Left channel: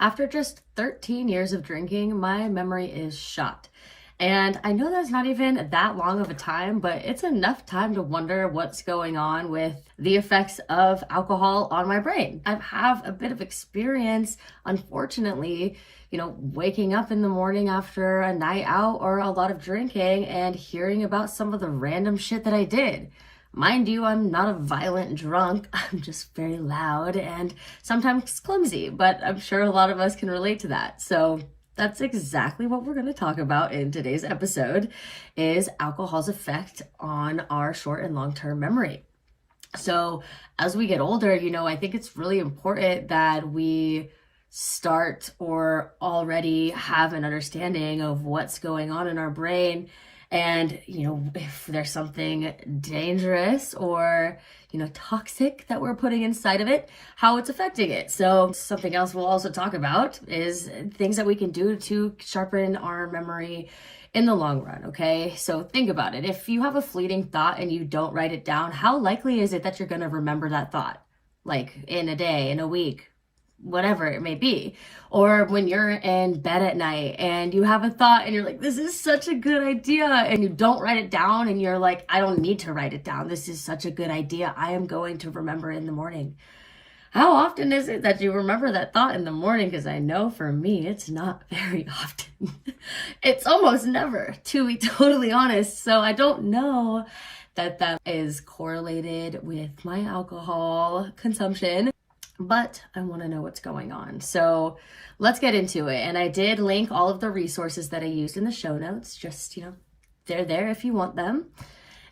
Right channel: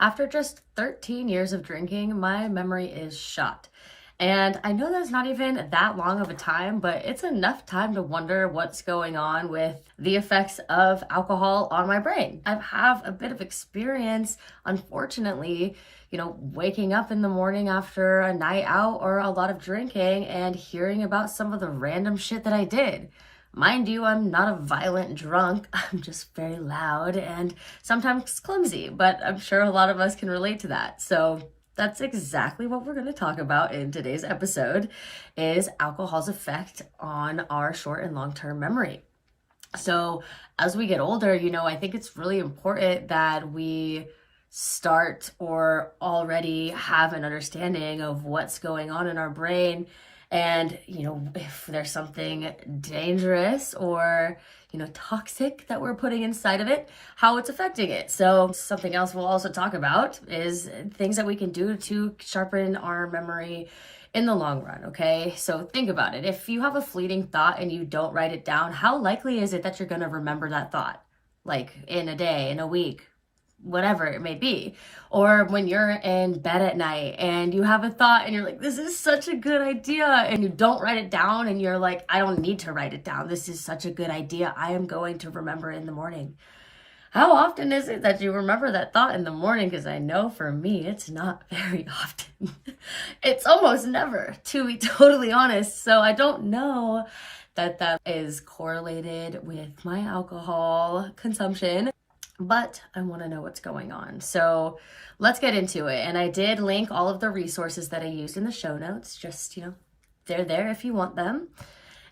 After just 13 years of drinking, my memory is shot. And I know that's not even that long of a time, but it's enough time to wonder what's going on with the effects of alcohol on my brain. I have a bit of experience, unfortunately, waking up in the morning after a night out or a lot of drinking and hearing about some of the random shit that I did. Mind you, I'm not a violent drunk. I'm just very loud and sometimes clumsy, but I'm sure a lot of us can relate to that. So that's exactly what we're going to talk about in today's episode is alcohol's effect on our short and long-term memory. So as we get older, I think it's really important that we start or already have an understanding of what's going on in our brain. And, if there's something dangerous or, toxic that we're putting inside of it, how it's affecting it. So something else we'll also talk about is things that we can do to sharpen our memory in the long run, okay? So think about it. If you have a fleeting thought and you don't write it down, how likely is it that you're going to remember that thought? Like in a day, in a week, whatever it may be. Or when you're in bed at night and you have a thought and you're like, this is such a good idea, and you don't write it down and you're like, I don't need to write it down. This is such a good idea. I am going to remember it in the morning. How often is it that you remember that thought in the morning? Because I know for me, it's not very often. It's almost never, to be totally honest. So I don't know that is correlated with my alcohol consumption, but I want to know what's going on. So let's get into it. And I did link all of the resources that I used in the show notes, just, they're there if you want them.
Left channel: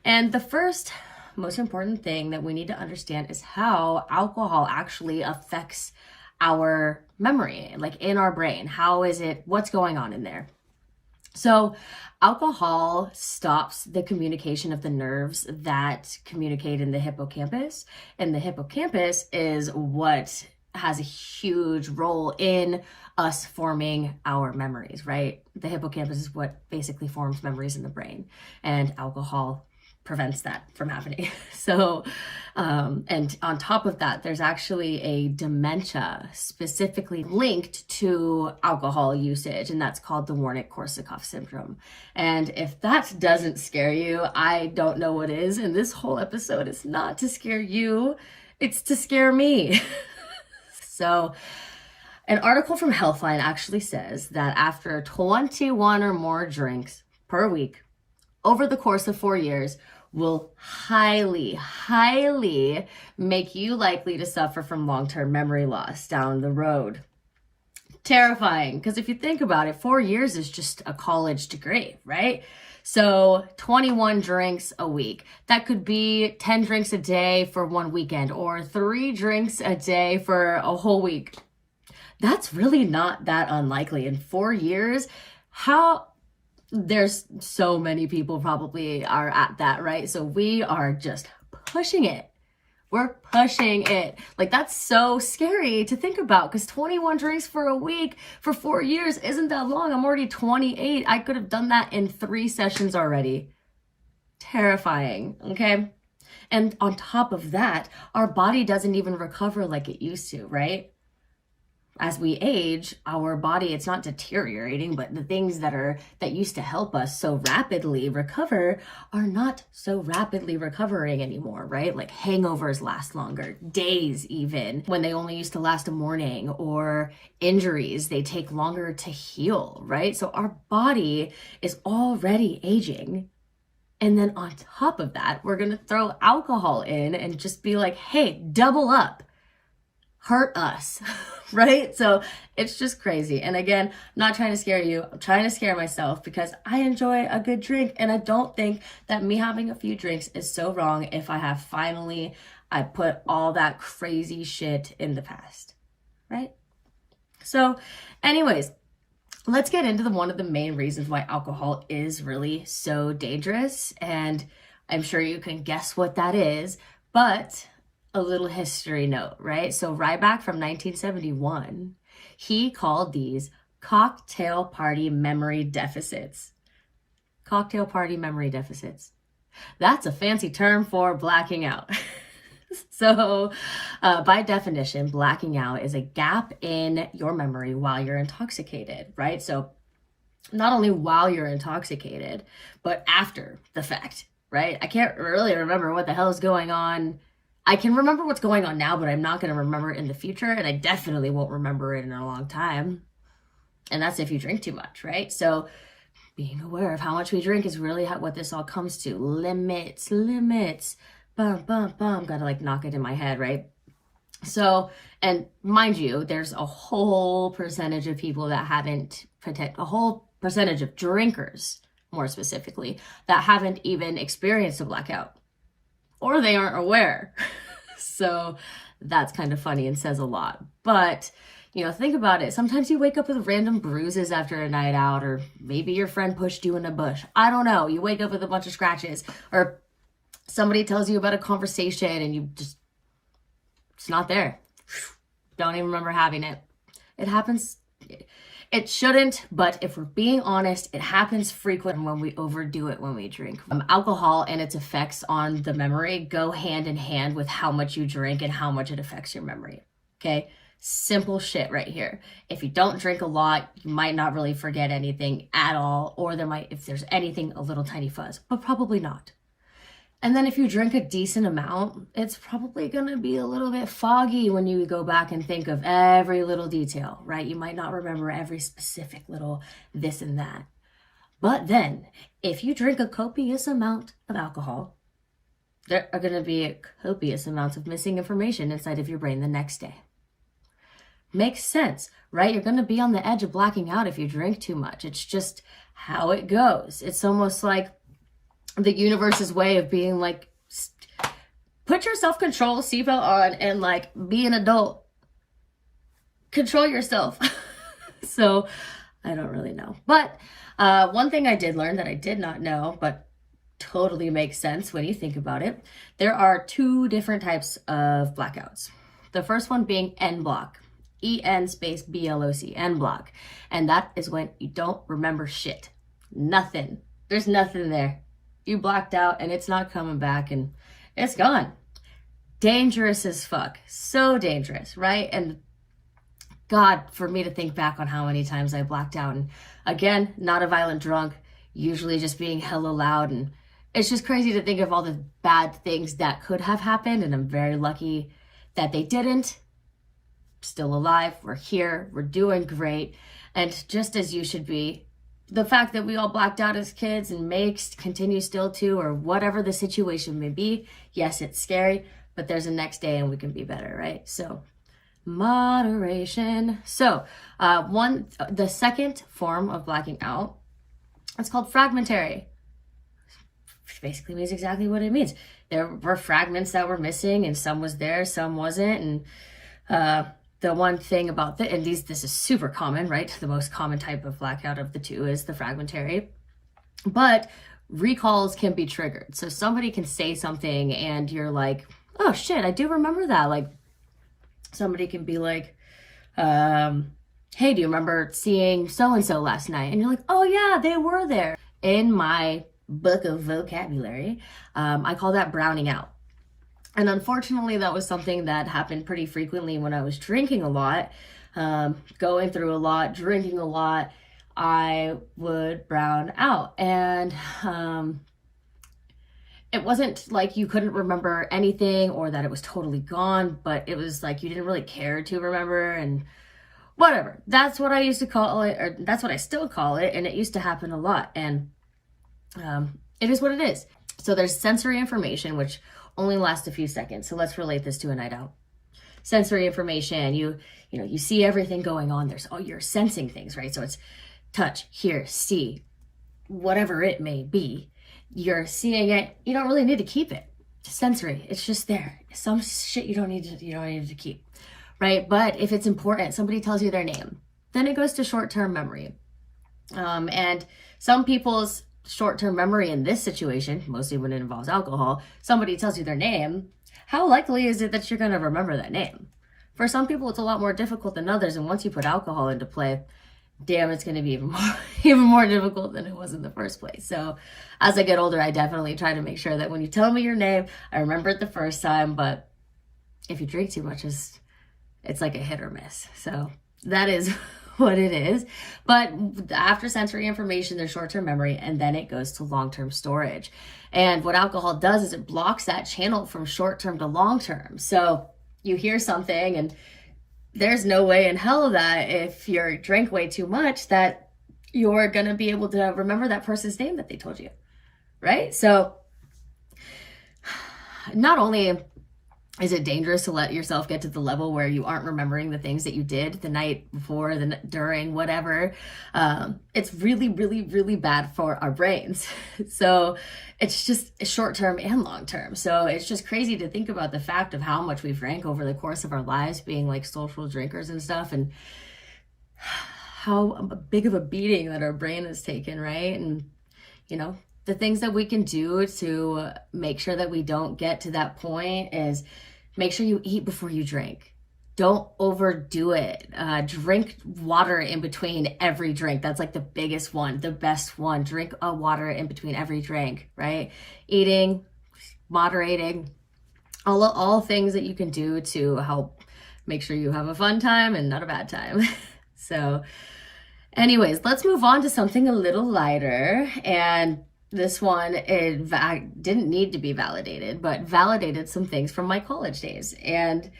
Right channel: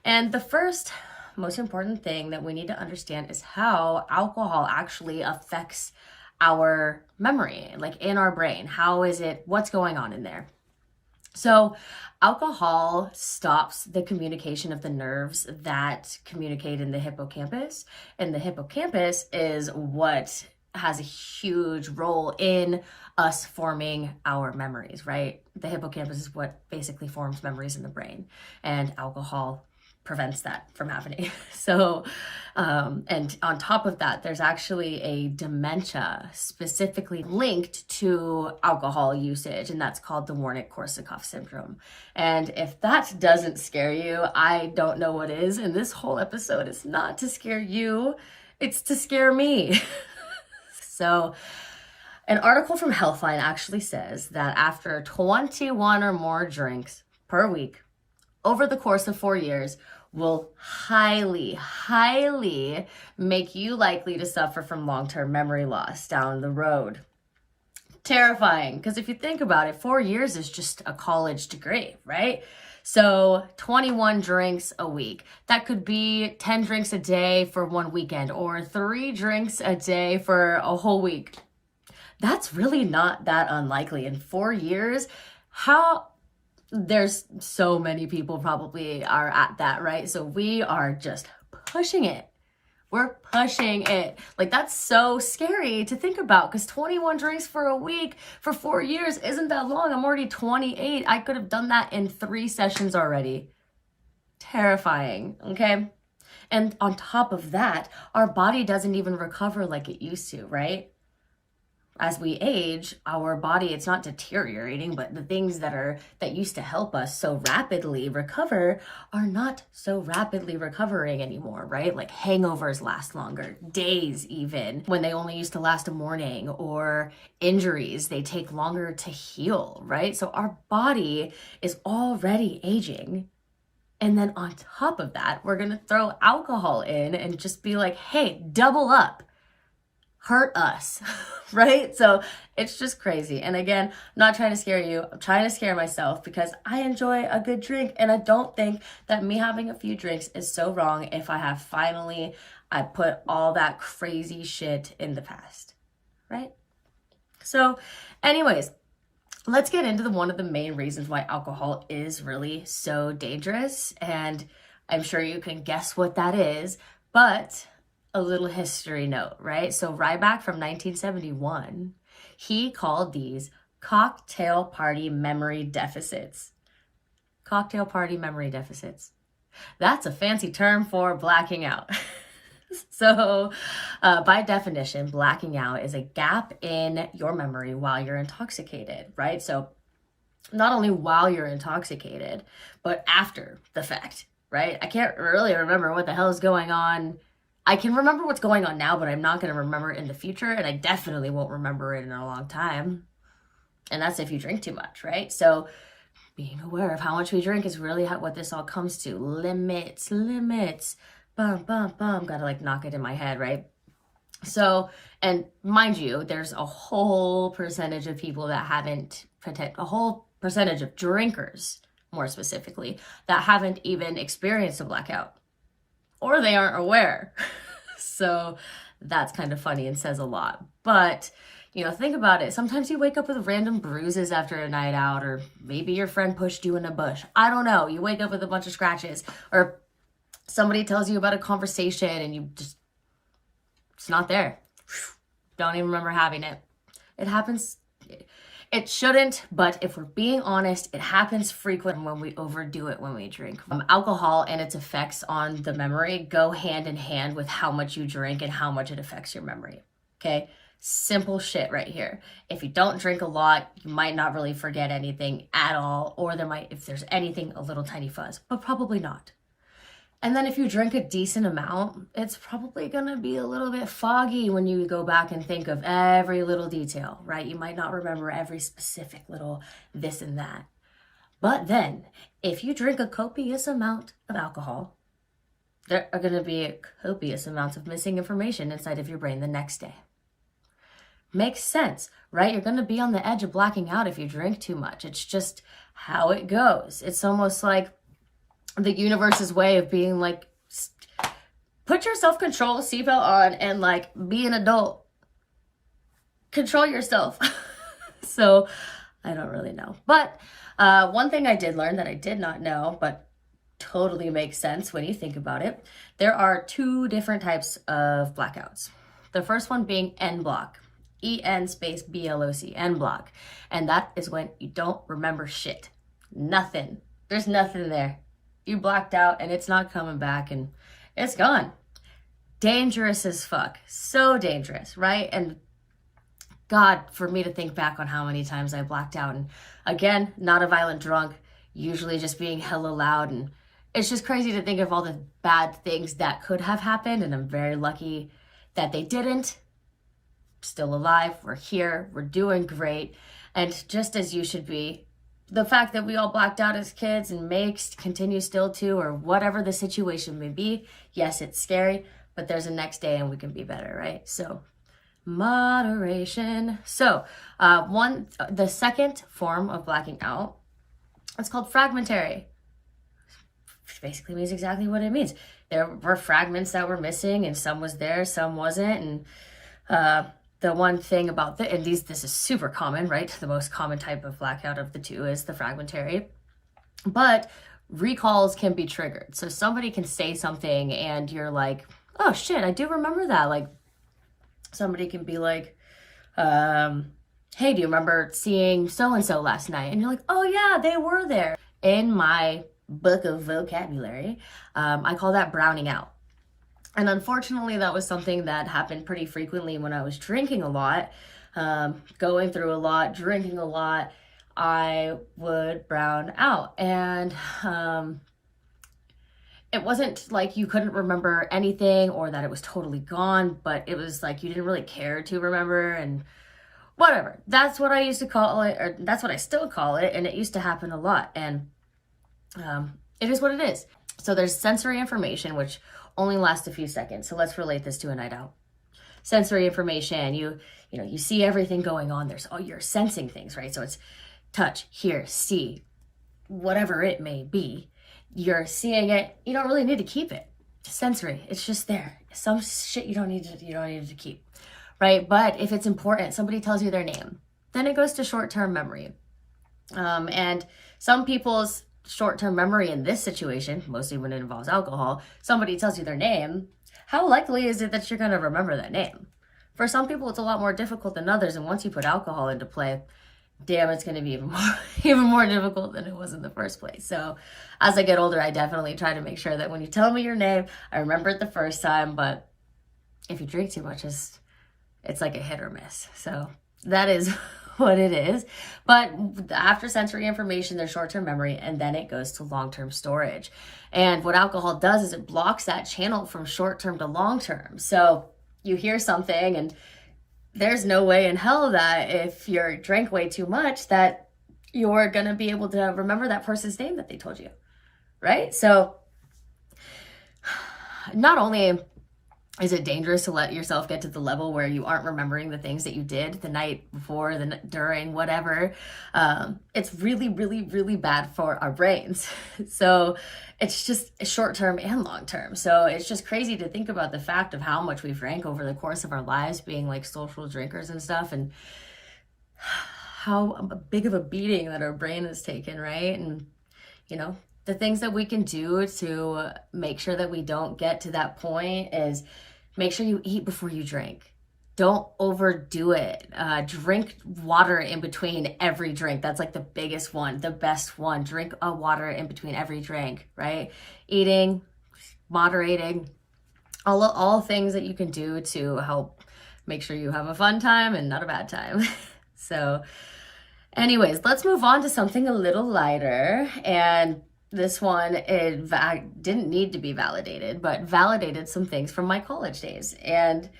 And the first most important thing that we need to understand is how alcohol actually affects our memory, like in our brain. What's going on in there? So alcohol stops the communication of the nerves that communicate in the hippocampus. And the hippocampus is what has a huge role in us forming our memories, right? The hippocampus is what basically forms memories in the brain, and alcohol prevents that from happening. So, and on top of that, there's actually a dementia specifically linked to alcohol usage, and that's called the Wernicke-Korsakoff syndrome. And if that doesn't scare you, I don't know what is. And this whole episode is not to scare you, it's to scare me. So, an article from Healthline actually says that after 21 or more drinks per week over the course of 4 years, will highly make you likely to suffer from long-term memory loss down the road. Terrifying, because if you think about it, 4 years is just a college degree, right? So 21 drinks a week. That could be 10 drinks a day for one weekend or 3 drinks a day for a whole week. That's really not that unlikely. In 4 years, there's so many people probably are at that, right? So we are just pushing it. We're pushing it. Like, that's so scary to think about, because 21 drinks for a week for 4 years isn't that long. I'm already 28. I could have done that in 3 sessions already. Terrifying, okay? And on top of that, our body doesn't even recover like it used to, right? As we age, our body, it's not deteriorating, but the things that used to help us so rapidly recover are not so rapidly recovering anymore, right? Like hangovers last longer, days even, when they only used to last a morning, or injuries, they take longer to heal, right? So our body is already aging. And then on top of that, we're going to throw alcohol in and just be like, hey, double up. Hurt us, right? So it's just crazy. And again, I'm not trying to scare you. I'm trying to scare myself, because I enjoy a good drink. And I don't think that me having a few drinks is so wrong if I put all that crazy shit in the past, right? So anyways, let's get into one of the main reasons why alcohol is really so dangerous. And I'm sure you can guess what that is, but a little history note, right? So Ryback from 1971, he called these cocktail party memory deficits. Cocktail party memory deficits. That's a fancy term for blacking out. So, by definition, blacking out is a gap in your memory while you're intoxicated, right? So, not only while you're intoxicated, but after the fact, right? I can't really remember what the hell is going on. I can remember what's going on now, but I'm not going to remember it in the future, and I definitely won't remember it in a long time. And that's if you drink too much, right? So, being aware of how much we drink is really what this all comes to. Limits, limits. Bum, bum, bum. Gotta like knock it in my head, right? So, and mind you, there's a whole percentage of people that haven't, a whole percentage of drinkers, more specifically, that haven't even experienced a blackout. Or they aren't aware. So that's kind of funny and says a lot. But, you know, think about it. Sometimes you wake up with random bruises after a night out, or maybe your friend pushed you in a bush. I don't know. You wake up with a bunch of scratches, or somebody tells you about a conversation and you just, it's not there. Don't even remember having it. It happens. It shouldn't, but if we're being honest, it happens frequent when we overdo it when we drink. Alcohol and its effects on the memory go hand in hand with how much you drink and how much it affects your memory. Okay? Simple shit right here. If you don't drink a lot, you might not really forget anything at all, or there might, if there's anything, a little tiny fuzz, but probably not. And then if you drink a decent amount, it's probably going to be a little bit foggy when you go back and think of every little detail, right? You might not remember every specific little this and that. But then, if you drink a copious amount of alcohol, there are going to be copious amounts of missing information inside of your brain the next day. Makes sense, right? You're going to be on the edge of blacking out if you drink too much. It's just how it goes. It's almost like the universe's way of being like, put your self-control seatbelt on and like be an adult. Control yourself. So I don't really know. But one thing I did learn that I did not know, but totally makes sense when you think about it. There are two different types of blackouts. The first one being N block. EN space BLOC, N block. And that is when you don't remember shit. Nothing. There's nothing there. You blacked out and it's not coming back and it's gone. Dangerous as fuck. So dangerous, right? And God, for me to think back on how many times I blacked out. And again, not a violent drunk, usually just being hella loud. And it's just crazy to think of all the bad things that could have happened. And I'm very lucky that they didn't. Still alive. We're here. We're doing great. And just as you should be, the fact that we all blacked out as kids and may continue still to, or whatever the situation may be, yes, it's scary, but there's a next day and we can be better, right? So moderation. So the second form of blacking out, it's called fragmentary, which basically means exactly what it means. There were fragments that were missing and some was there, some wasn't. And the one thing about and this is super common, right? The most common type of blackout of the two is the fragmentary, but recalls can be triggered. So somebody can say something and you're like, oh shit, I do remember that. Like somebody can be like, hey, do you remember seeing so-and-so last night? And you're like, oh yeah, they were there. In my book of vocabulary, I call that browning out. And unfortunately, that was something that happened pretty frequently when I was drinking a lot, going through a lot, drinking a lot. I would brown out. And it wasn't like you couldn't remember anything or that it was totally gone, but it was like you didn't really care to remember and whatever. That's what I used to call it, or that's what I still call it. And it used to happen a lot. And it is what it is. So there's sensory information, which only lasts a few seconds. So let's relate this to a night out. Sensory information, you see everything going on. You're sensing things, right? So it's touch, hear, see, whatever it may be. You're seeing it. You don't really need to keep it. Sensory, it's just there. Some shit you don't need to keep, right? But if it's important, somebody tells you their name, then it goes to short-term memory. And some people's short-term memory in this situation, mostly when it involves alcohol, somebody tells you their name, how likely is it that you're going to remember that name? For some people, it's a lot more difficult than others. And once you put alcohol into play, damn, it's going to be even more difficult than it was in the first place. So as I get older, I definitely try to make sure that when you tell me your name, I remember it the first time, but if you drink too much, it's like a hit or miss. So that is what it is. But after sensory information, there's short-term memory, and then it goes to long-term storage. And what alcohol does is it blocks that channel from short-term to long-term. So you hear something, and there's no way in hell that if you drank way too much that you're going to be able to remember that person's name that they told you, right? So not only is it dangerous to let yourself get to the level where you aren't remembering the things that you did the night before, during, whatever, it's really, really, really bad for our brains. So it's just short-term and long-term. So it's just crazy to think about the fact of how much we've drank over the course of our lives, being like social drinkers and stuff, and how big of a beating that our brain has taken, right? And, you know, the things that we can do to make sure that we don't get to that point is make sure you eat before you drink. Don't overdo it. Drink water in between every drink. That's like the biggest one, the best one. Drink water in between every drink, right? Eating, moderating, all things that you can do to help make sure you have a fun time and not a bad time. So anyways, let's move on to something a little lighter. And this one, it didn't need to be validated, but validated some things from my college days. And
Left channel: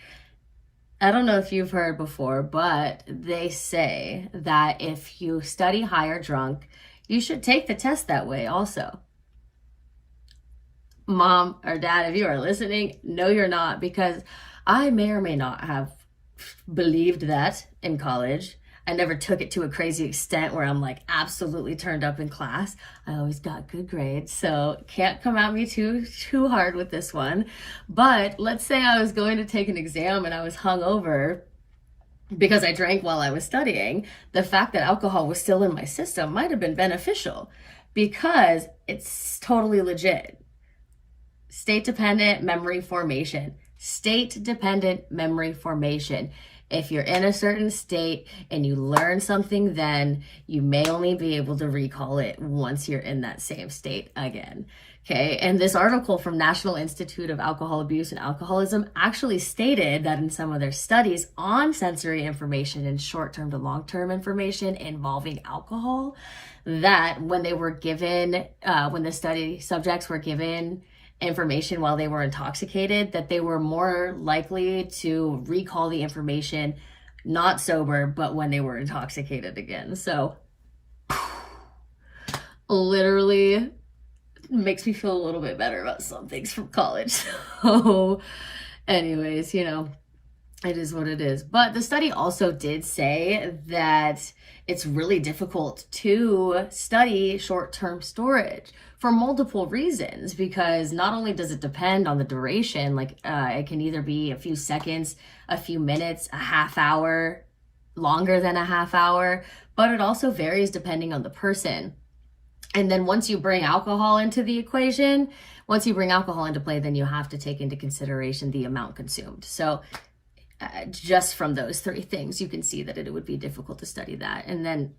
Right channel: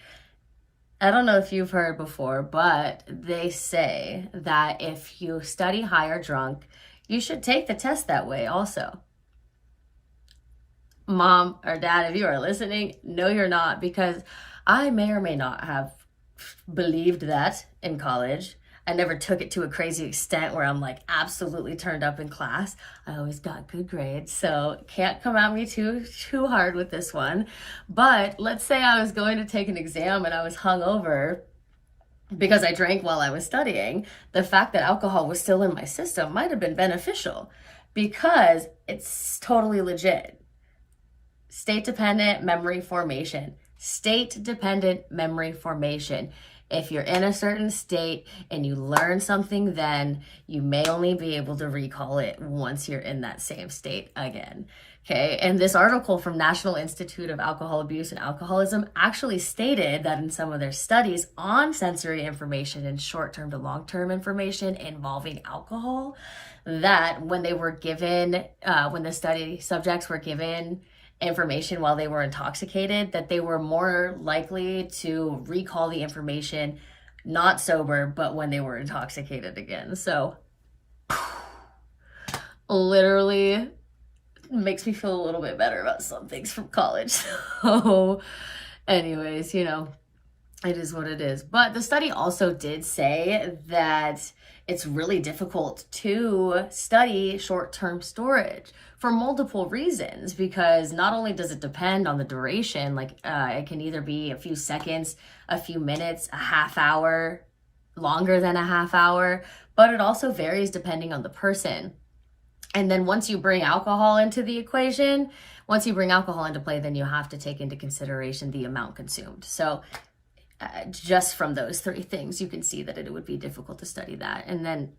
I don't know if you've heard before, but they say that if you study high or drunk, you should take the test that way also. Mom or dad, if you are listening, no, you're not, because I may or may not have believed that in college. I never took it to a crazy extent where I'm like absolutely turned up in class. I always got good grades, so can't come at me too hard with this one. But let's say I was going to take an exam and I was hungover because I drank while I was studying. The fact that alcohol was still in my system might have been beneficial because it's totally legit. State-dependent memory formation. State-dependent memory formation. If you're in a certain state and you learn something, then you may only be able to recall it once you're in that same state again. Okay, and this article from National Institute of Alcohol Abuse and Alcoholism actually stated that in some of their studies on sensory information and short-term to long-term information involving alcohol, that when they were given, when the study subjects were given information while they were intoxicated, that they were more likely to recall the information not sober, but when they were intoxicated again. So literally makes me feel a little bit better about some things from college. So anyways, you know, it is what it is. But the study also did say that it's really difficult to study short-term storage for multiple reasons, because not only does it depend on the duration, like it can either be a few seconds, a few minutes, a half hour, longer than a half hour, but it also varies depending on the person. And then once you bring alcohol into the equation, once you bring alcohol into play, then you have to take into consideration the amount consumed. So just from those three things, you can see that it would be difficult to study that. And then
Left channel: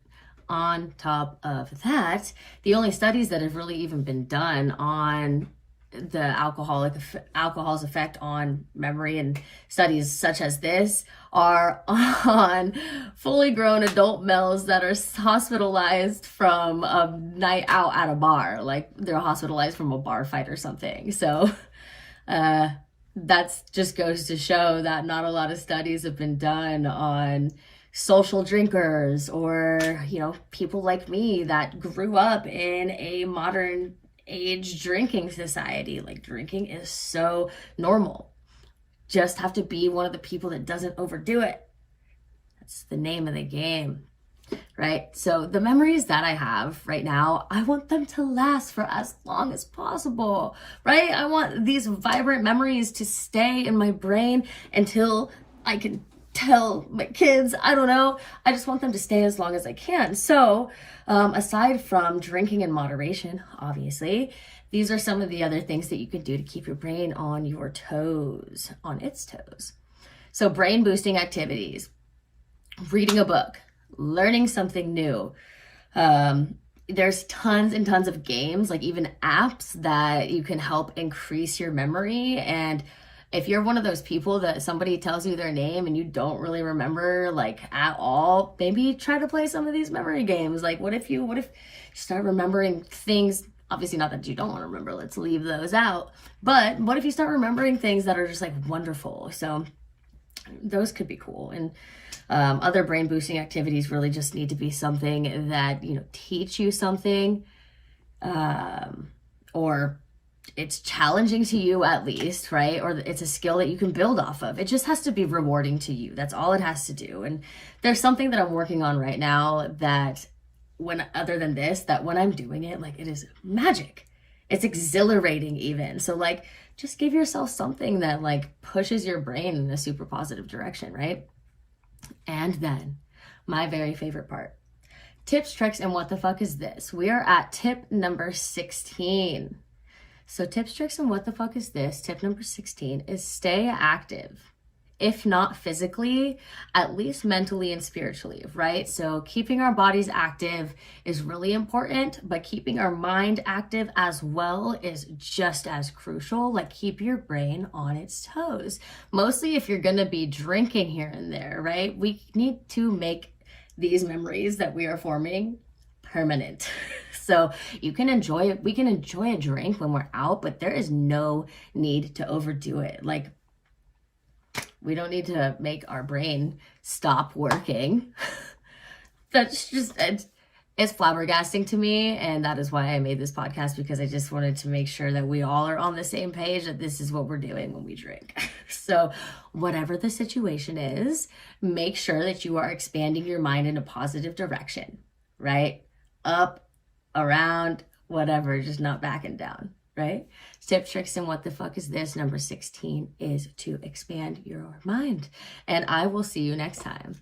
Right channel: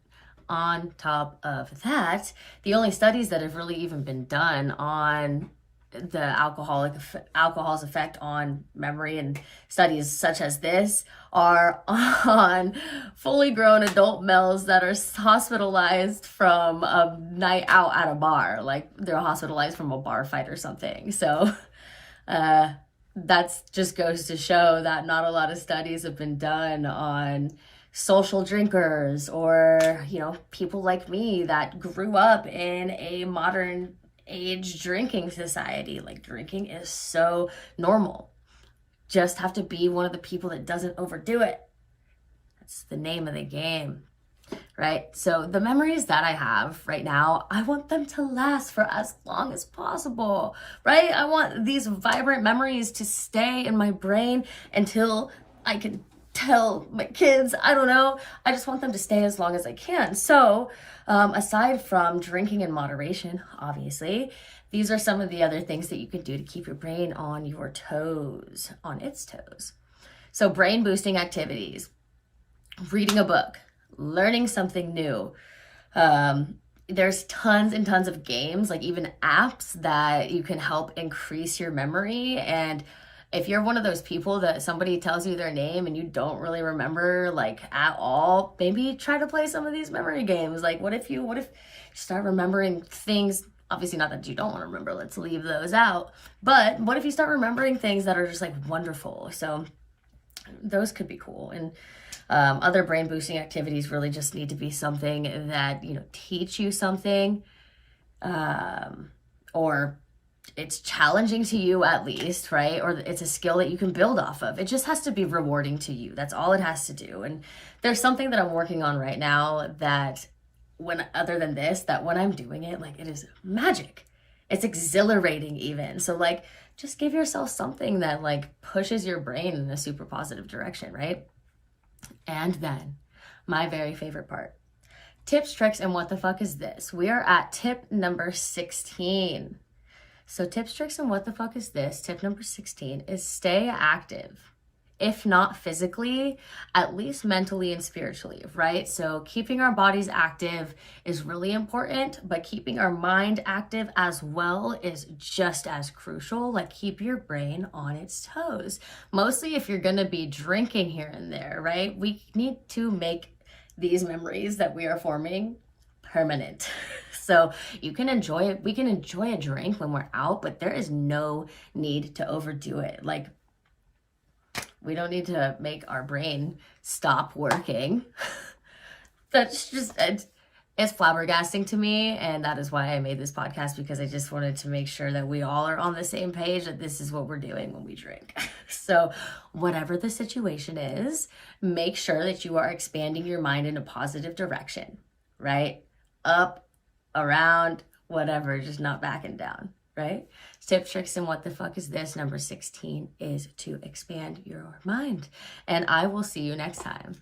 on top of that, the only studies that have really even been done on the alcohol's effect on memory, and studies such as this, are on fully grown adult males that are hospitalized from a night out at a bar, like they're hospitalized from a bar fight or something. So that just goes to show that not a lot of studies have been done on social drinkers, or, you know, people like me that grew up in a modern age drinking society. Like, drinking is so normal. Just have to be one of the people that doesn't overdo it. That's the name of the game, right? So the memories that I have right now, I want them to last for as long as possible, right? I want these vibrant memories to stay in my brain until I can tell my kids, I don't know. I just want them to stay as long as I can. So aside from drinking in moderation, obviously, these are some of the other things that you can do to keep your brain on your toes, on its toes. So brain boosting activities, reading a book, learning something new. There's tons and tons of games, like even apps, that you can help increase your memory. And If you're one of those people that somebody tells you their name and you don't really remember like at all, maybe try to play some of these memory games. Like what if you start remembering things, obviously not that you don't want to remember, let's leave those out. But what if you start remembering things that are just like wonderful? So those could be cool. And other brain boosting activities really just need to be something that, you know, teach you something, or it's challenging to you at least, right? Or it's a skill that you can build off of. It just has to be rewarding to you. That's all it has to do. And there's something that I'm working on right now that other than this, that when I'm doing it, like it is magic. It's exhilarating even. So like, just give yourself something that like pushes your brain in a super positive direction, right? And then my very favorite part, tips, tricks, and what the fuck is this? We are at tip number 16. So tips, tricks, and what the fuck is this? Tip number 16 is stay active. If not physically, at least mentally and spiritually, right? So keeping our bodies active is really important, but keeping our mind active as well is just as crucial. Like keep your brain on its toes. Mostly if you're gonna be drinking here and there, right? We need to make these memories that we are forming permanent. So you can enjoy it. We can enjoy a drink when we're out, but there is no need to overdo it. Like, we don't need to make our brain stop working. That's just, it's flabbergasting to me. And that is why I made this podcast, because I just wanted to make sure that we all are on the same page, that this is what we're doing when we drink. So whatever the situation is, make sure that you are expanding your mind in a positive direction, right? Up, around, whatever, just not backing down, right? Tips, tricks, and what the fuck is this? Number 16 is to expand your mind. And I will see you next time.